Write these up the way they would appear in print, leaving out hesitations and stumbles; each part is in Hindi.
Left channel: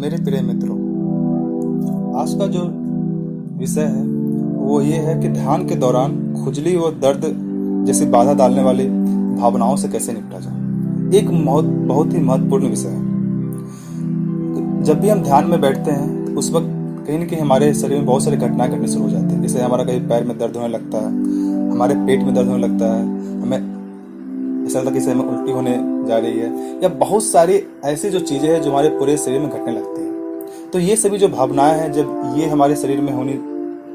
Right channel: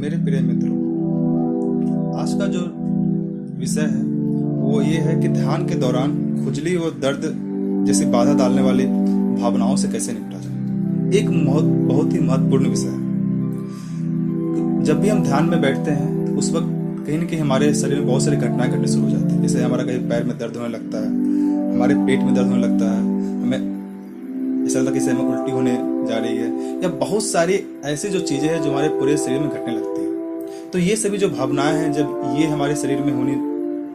मेरे प्रिय मित्रों, आज का जो विषय है वो ये है कि ध्यान के दौरान खुजली और दर्द जैसी बाधा डालने वाली भावनाओं से कैसे निपटा जाए। एक बहुत ही महत्वपूर्ण विषय है। जब भी हम ध्यान में बैठते हैं तो उस वक्त कहीं ना कहीं हमारे शरीर में बहुत सारी घटनाएं घटनी शुरू हो जाती है। जैसे हमारा कहीं पैर में दर्द होने लगता है, हमारे पेट में दर्द होने लगता है, हमें ऐसा लगता है कि हमें उल्टी होने जा रही है, या बहुत सारी ऐसी जो चीज़ें हैं जो हमारे पूरे शरीर में घटने लगती है। तो ये सभी जो भावनाएं हैं जब ये हमारे शरीर में होनी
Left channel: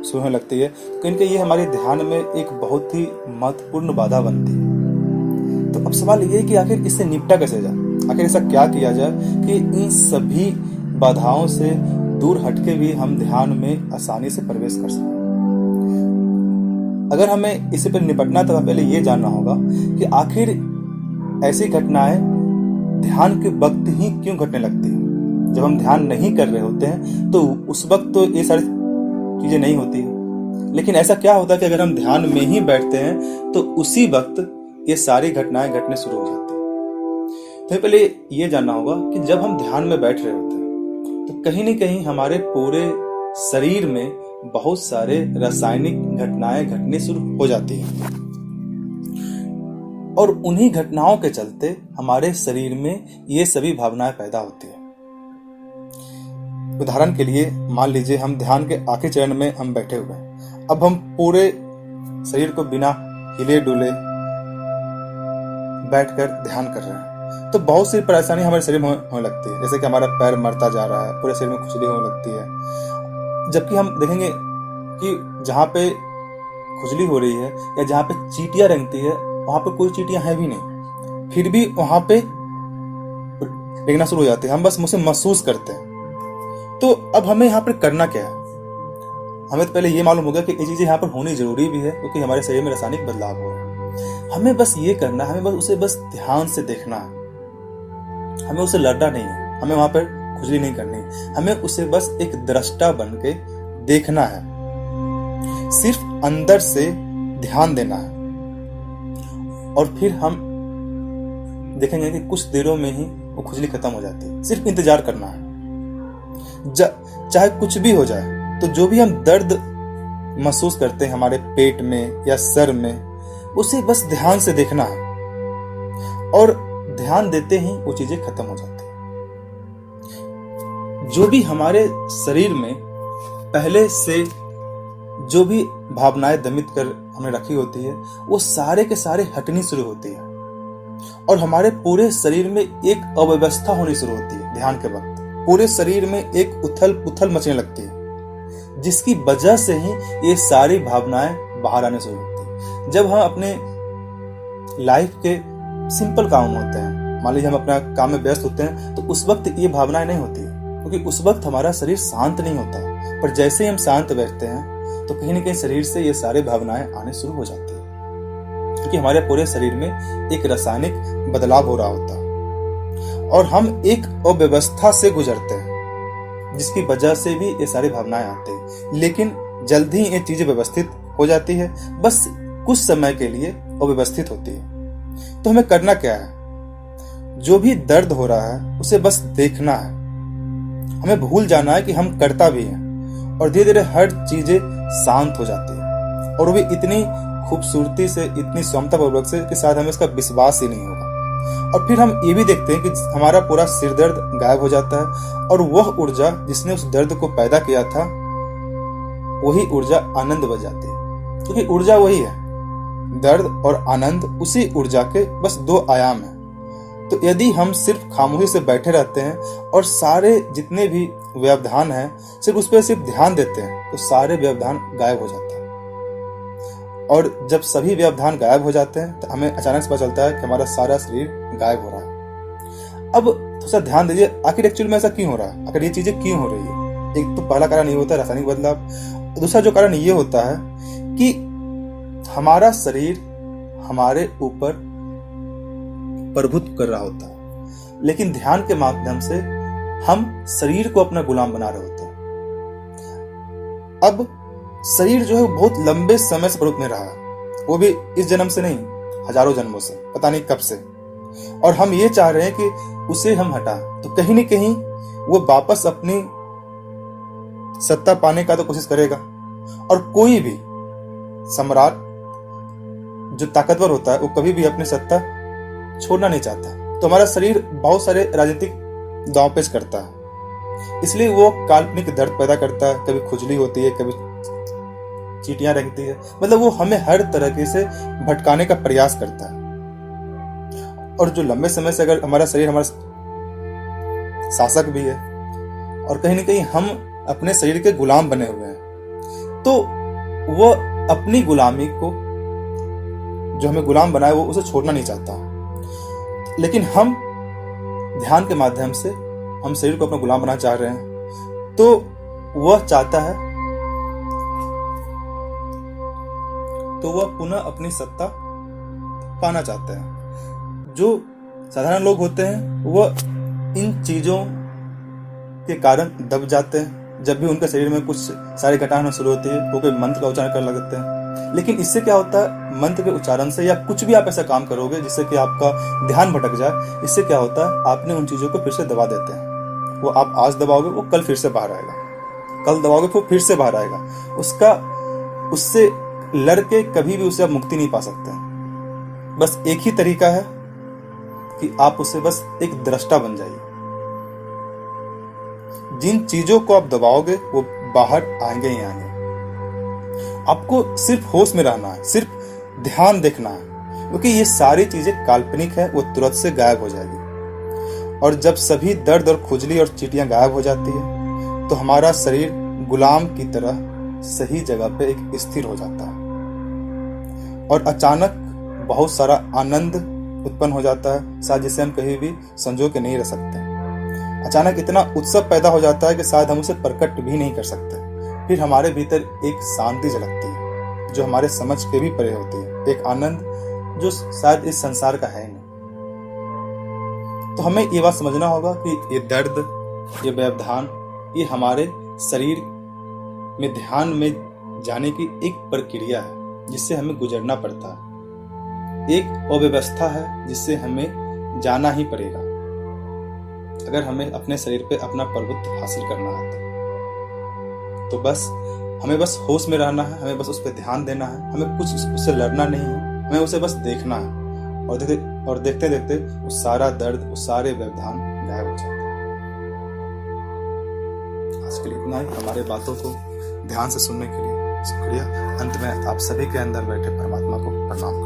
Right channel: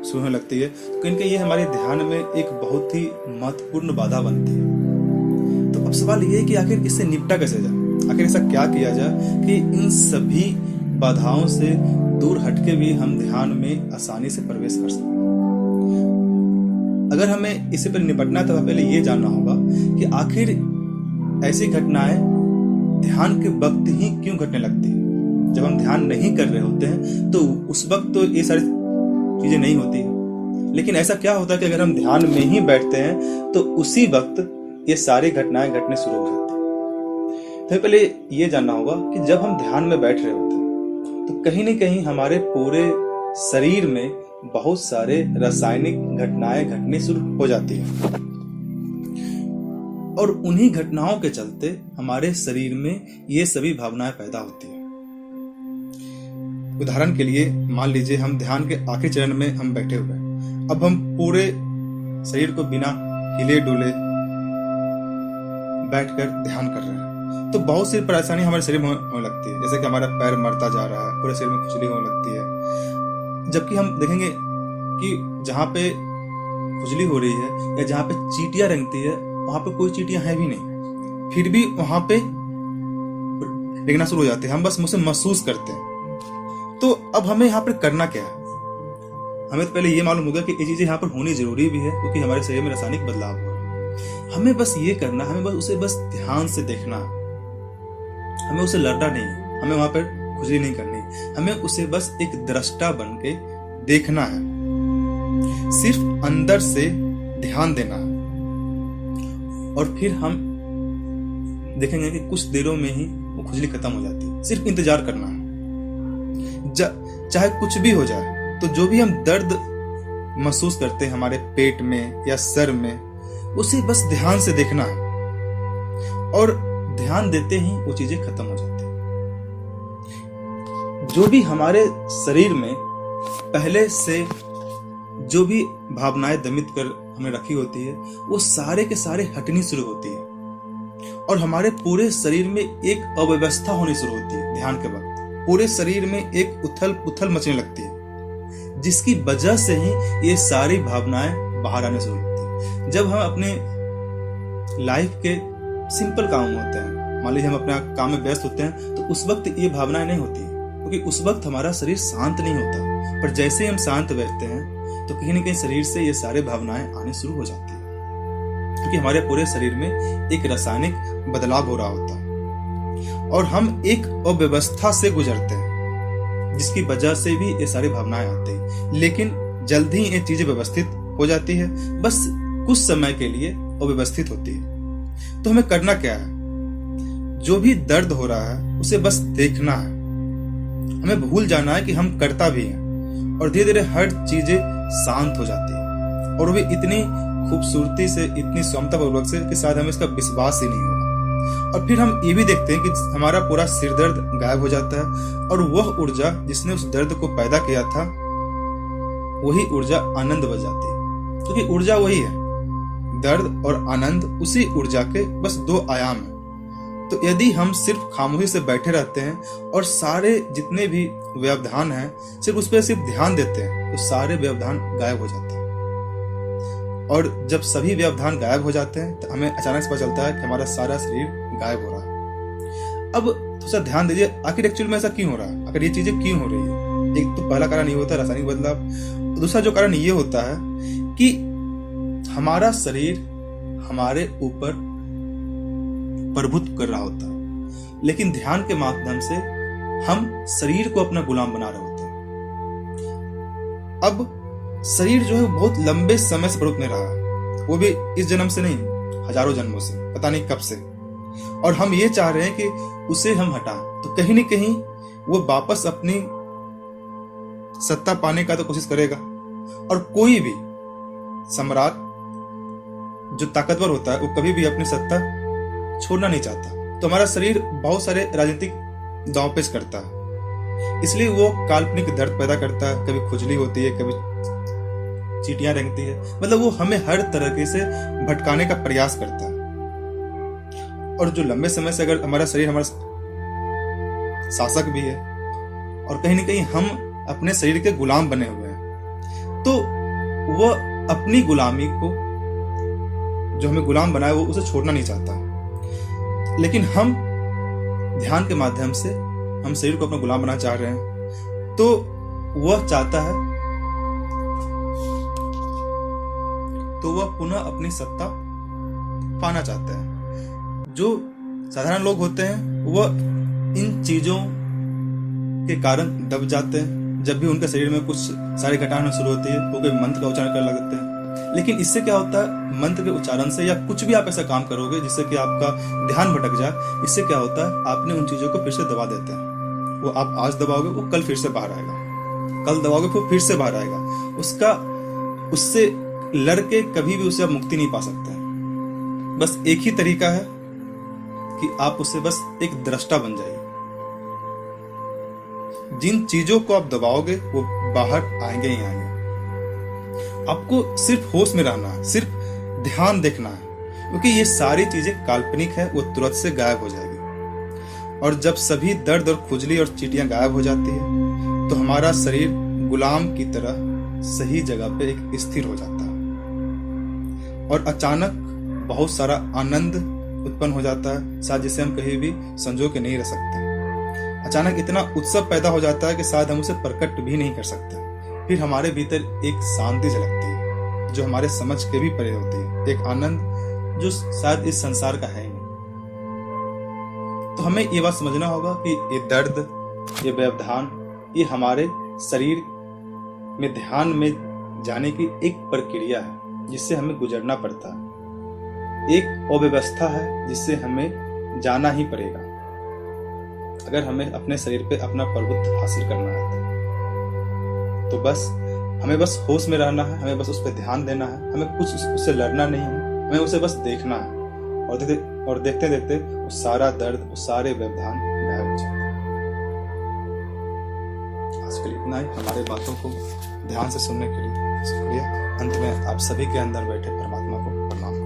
शुरू होने लगती है तो कहीं ना कहीं ये हमारे ध्यान में एक बहुत ही महत्वपूर्ण बाधा बनती है। तो अब सवाल ये है कि आखिर इससे निपटा कैसे जाए, आखिर ऐसा क्या किया जाए कि इन सभी बाधाओं से दूर हटके भी हम ध्यान में आसानी से प्रवेश कर सकें। अगर हमें इसी पर निपटना है तो पहले ये जानना होगा कि आखिर ऐसी घटनाएं ध्यान के वक्त ही क्यों घटने लगती है। जब हम ध्यान नहीं कर रहे होते हैं तो उस वक्त तो ये सारी चीजें नहीं होती है, लेकिन ऐसा क्या होता है कि अगर हम ध्यान में ही बैठते हैं तो उसी वक्त ये सारी घटनाएं घटने शुरू हो जाती है। तो पहले ये जानना होगा कि जब हम ध्यान में बैठ रहे होते हैं तो कहीं न कहीं हमारे पूरे शरीर में बहुत सारे रासायनिक घटनाएं घटनी शुरू हो जाती है और उन्हीं घटनाओं के चलते हमारे शरीर में ये सभी भावनाएं पैदा होती है। उदाहरण के लिए मान लीजिए हम ध्यान के आखिरी चरण में हम बैठे हुए हैं। अब हम पूरे शरीर को बिना हिले डुले बैठकर ध्यान कर रहे हैं तो बहुत सी परेशानी हमारे शरीर में होने लगती है। जैसे कि हमारा पैर मरता जा रहा है, पूरे शरीर में खुजली होने लगती है। जबकि हम देखेंगे कि जहाँ पे खुजली हो रही है या जहाँ पे चींटियां रेंगती है वहां पे कोई चींटियां है भी नहीं, फिर भी वहां पे रेंगना शुरू हो जाती है। हम बस मुझसे महसूस करते हैं। तो अब हमें यहाँ पर करना क्या है? हमें तो पहले ये मालूम होगा कि ये चीजें यहाँ पर होनी जरूरी भी है क्योंकि हमारे शरीर में रासायनिक बदलाव हो रहा है। हमें बस ये करना है, हमें बस उसे ध्यान से देखना है। हमें उसे लड़ना नहीं है, हमें वहां पर खुजली नहीं करनी है, हमें उसे बस एक दृष्टा बन के देखना है। सिर्फ अंदर से ध्यान देना है और फिर हम देखेंगे कि कुछ देरों में ही वो खुजली खत्म हो जाती है। सिर्फ इंतजार करना है, चाहे कुछ भी हो जाए। तो जो भी हम दर्द महसूस करते हैं हमारे पेट में या सर में, उसे बस ध्यान से देखना है और ध्यान देते ही वो चीजें खत्म हो जाती हैं। जो भी हमारे शरीर में पहले से जो भी भावनाएं दमित कर हमें रखी होती है वो सारे के सारे हटनी शुरू होती है और हमारे पूरे शरीर में एक अव्यवस्था होनी शुरू होती है। ध्यान के वक्त पूरे शरीर में एक उथल पुथल मचने लगती है जिसकी वजह से ही ये सारी भावनाएं बाहर आने शुरू होती है। जब हम अपने लाइफ के सिंपल काम होते हैं, मान लीजिए हम अपना काम में व्यस्त होते हैं, तो उस वक्त ये भावनाएं नहीं होती क्योंकि उस वक्त हमारा शरीर शांत नहीं होता। पर जैसे ही हम शांत बैठते हैं तो कहीं ना कहीं शरीर से ये सारे भावनाएं आने शुरू हो जाती है क्योंकि हमारे पूरे शरीर में एक रासायनिक बदलाव हो रहा होता है और हम एक अव्यवस्था से गुजरते हैं जिसकी वजह से भी ये सारी भावनाएं आती हैं। लेकिन जल्द ही ये चीजें व्यवस्थित हो जाती है, बस कुछ समय के लिए अव्यवस्थित होती है। तो हमें करना क्या है? जो भी दर्द हो रहा है उसे बस देखना है। हमें भूल जाना है कि हम करता भी हैं और धीरे धीरे हर चीजें शांत हो जाती है और वो भी इतनी खूबसूरती से, इतनी क्षमतापूर्वक से कि शायद हमें इसका विश्वास ही नहीं होगा। और फिर हम ये भी देखते हैं कि हमारा पूरा सिर दर्द गायब हो जाता है और वह ऊर्जा जिसने उस दर्द को पैदा किया था वही ऊर्जा आनंद बन जाती है क्योंकि ऊर्जा वही है। दर्द और आनंद उसी ऊर्जा के बस दो आयाम हैं। तो यदि हम सिर्फ खामोशी से बैठे रहते हैं और सारे जितने भी व्यवधान हैं सिर्फ उस पर सिर्फ ध्यान देते हैं तो सारे व्यवधान गायब हो जाते हैं। और जब सभी व्यवधान गायब हो जाते हैं तो हमें अचानक से पता चलता है कि हमारा सारा शरीर गायब हो रहा है। अब थोड़ा ध्यान दीजिए, आखिर एक्चुअल में ऐसा क्यों हो रहा है, आखिर ये चीजें क्यों हो रही है। एक तो पहला कारण ये होता है रासायनिक बदलाव, दूसरा जो कारण ये होता है कि हमारा शरीर हमारे ऊपर प्रभुत्व कर रहा होता है, लेकिन ध्यान के माध्यम से हम शरीर को अपना गुलाम बना रहे होते हैं। अब शरीर जो है बहुत लंबे समय से प्रभुत्व में रहा, वो भी इस जन्म से नहीं, हजारों जन्मों से, पता नहीं कब से, और हम ये चाह रहे हैं कि उसे हम हटा। तो कहीं न कहीं वो वापस अपनी सत्ता पाने का तो कोशिश करेगा। और कोई भी सम्राट जो ताकतवर होता है वो कभी भी अपनी सत्ता छोड़ना नहीं चाहता। तो हमारा शरीर बहुत सारे राजनीतिक दांवपेच करता है, इसलिए वो काल्पनिक दर्द पैदा करता है। कभी खुजली होती है, कभी चींटियां रेंगती है, मतलब वो हमें हर तरीके से भटकाने का प्रयास करता है। और जो लंबे समय से अगर हमारा शरीर हमारा शासक भी है और कहीं ना कहीं हम अपने शरीर के गुलाम बने हुए हैं, तो वह अपनी गुलामी को, जो हमें गुलाम बनाए, वो उसे छोड़ना नहीं चाहता। लेकिन हम ध्यान के माध्यम से हम शरीर को अपना गुलाम बनाना चाह रहे हैं, तो वह चाहता है, तो वह पुनः अपनी सत्ता पाना चाहता है। जो साधारण लोग होते हैं वह इन चीजों के कारण दब जाते हैं। जब भी उनके शरीर में कुछ सारी घटना होना शुरू होती है, वो कोई मंत्र का उच्चारण करने लगते हैं। लेकिन इससे क्या होता है, मंत्र के उच्चारण से या कुछ भी आप ऐसा काम करोगे जिससे कि आपका ध्यान भटक जाए, इससे क्या होता है, आपने उन चीजों को फिर से दबा देते हैं। वो आप आज दबाओगे, वो कल फिर से बाहर आएगा, कल दबाओगे वो फिर से बाहर आएगा। उससे लड़के कभी भी उसे आप मुक्ति नहीं पा सकते। बस एक ही तरीका है कि आप उसे बस एक दृष्टा बन जाइए। जिन चीजों को आप दबाओगे वो बाहर आएंगे ही आएंगे। आपको सिर्फ होश में रहना है, सिर्फ ध्यान देखना है, क्योंकि ये सारी चीजें काल्पनिक है, वो तुरंत से गायब हो जाएगी। और जब सभी दर्द और खुजली और चींटियां गायब हो जाती है, तो हमारा शरीर गुलाम की तरह सही जगह पे एक स्थिर हो जाता है। और अचानक बहुत सारा आनंद उत्पन्न हो जाता है, शायद जिसे हम कहीं भी संजो के नहीं रह सकते। अचानक इतना उत्सव पैदा हो जाता है कि शायद हम उसे प्रकट भी नहीं कर सकते। फिर हमारे भीतर एक शांति झलकती है जो हमारे समझ के भी परे होती है, एक आनंद जो शायद इस संसार का है नहीं। तो हमें ये बात समझना होगा कि ये दर्द, ये व्यवधान, ये हमारे शरीर में ध्यान में जाने की एक प्रक्रिया है जिससे हमें गुजरना पड़ता है। एक अव्यवस्था है जिससे हमें जाना ही पड़ेगा अगर हमें अपने शरीर पे अपना प्रभुत्व हासिल करना है। तो बस हमें बस होश में रहना है, हमें बस उस पर ध्यान देना है, हमें कुछ उससे लड़ना नहीं है, हमें उसे बस देखना है। और देखते देखते वो सारा दर्द, वो सारे व्यवधान गायब हो जाते हैं। आज के लिए इतना ही। हमारे बातों को ध्यान से सुनने के लिए शुक्रिया। अंत में आप सभी के अंदर बैठे परमात्मा को प्रणाम।